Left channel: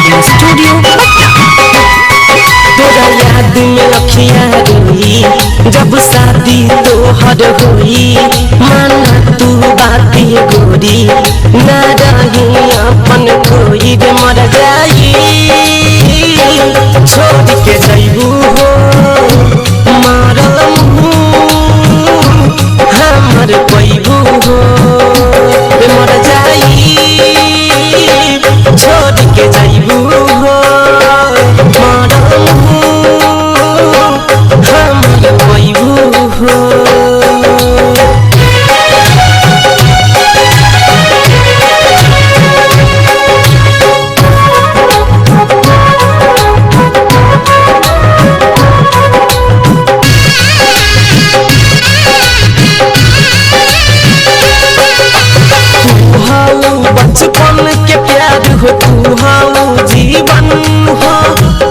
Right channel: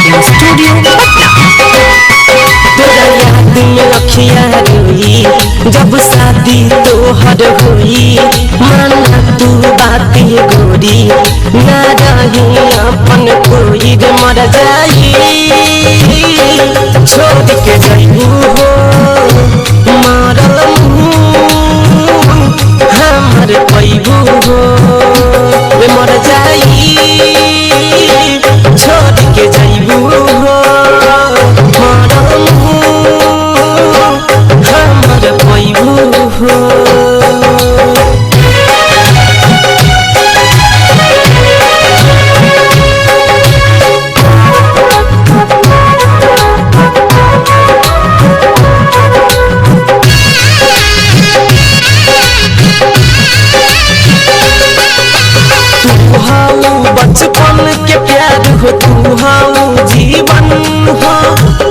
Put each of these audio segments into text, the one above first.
Recording studio Patna. तोरा याद में अखियाँ रोई जब शादी तोहर होई, माना तू बाती गोरी ना रही अपन कोई रे मर जाई, छोड़ के जइबू हो मरल हमर पैबू हो रे मर जाई, छोड़ के जइबू हो मरल हमर पैबू हो। बचपन के प्यार हो तू हाँ जीवन हो,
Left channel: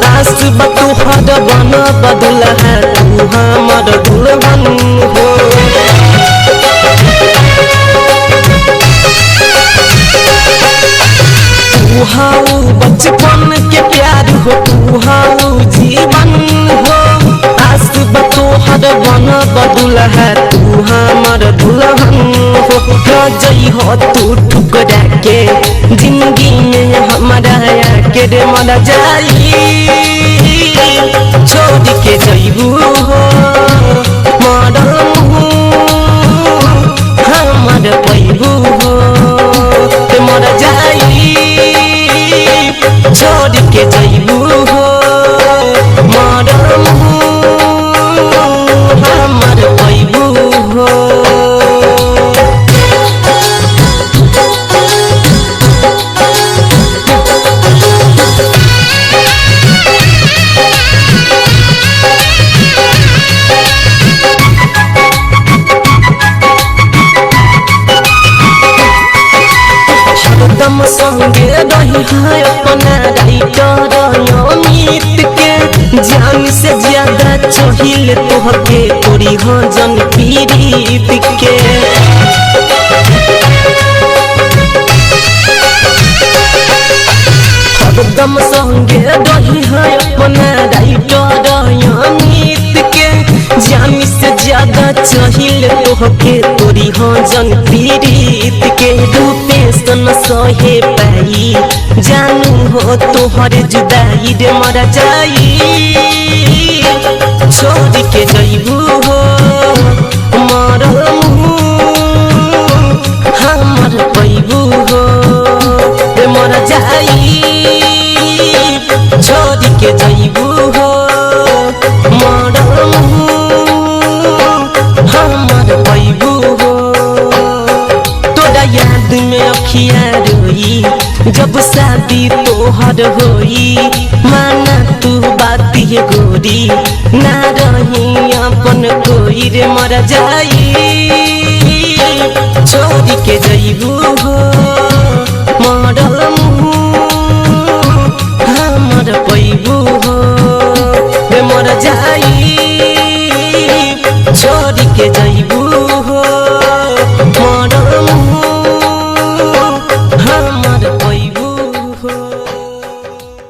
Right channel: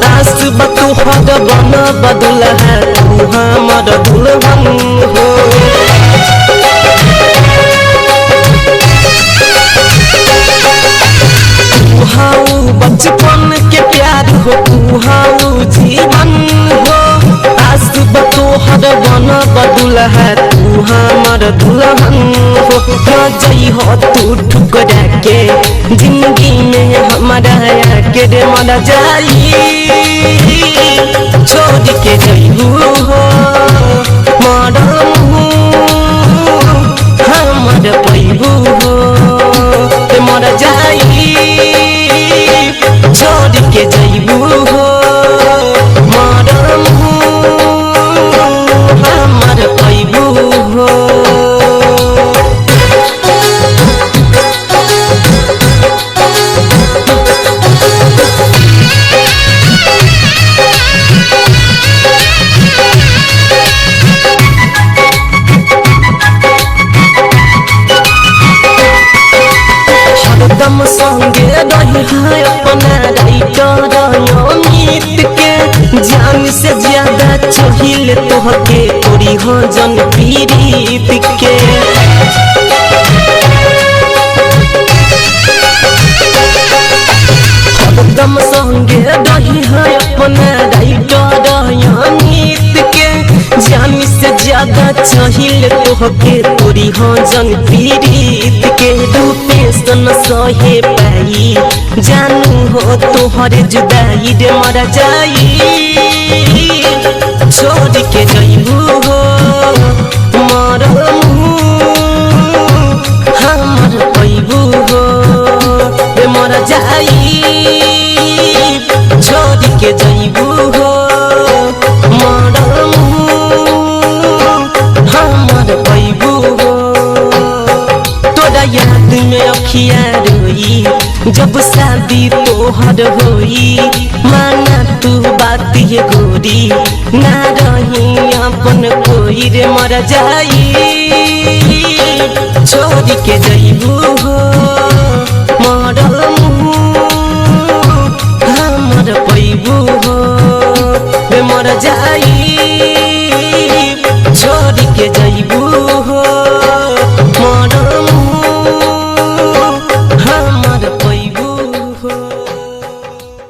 आस बतुहर बन बदल है तू हमर दुल्हन हो। तू हाँ बचपन के प्यार हो तू हाँ जीवन हो, आस बतोहर बन बदुल है तू हमर दुल्हन हो। जई हो तू ठुकरा के जिंदगी में हमारा के रे मर जाई, छोड़ के जइबू हो मरल हमर पैबू हो रे मर जाई, छोड़ के जइबू हो मरल हमर पैबू हो। हरदम संगे रही है अपना राइटर अमित के, जान से ज्यादा चाहिए तोहके तोरी हो जन पीड़ित के। हरदम संगे रही है अपना राइटर अमित के, जान से ज्यादा चाहिए तोहके तोरी हो जन पीड़ित के। रूपे सन सहे पाई जानू हो तोहर जुदाई रे मर जाई, छोड़ के जइबू हो मरल हमर पैबू हो रे मर जाई, छोड़ के जइबू हो मरल हमर पैबू हो। तोरा याद में अखियाँ रोई जब शादी तोहर होई, माना तू बाती गोरी ना रही अपन कोई रे मर जाई, छोड़ के जइबू हो मरल हमर पैबू हो रे मर जाई,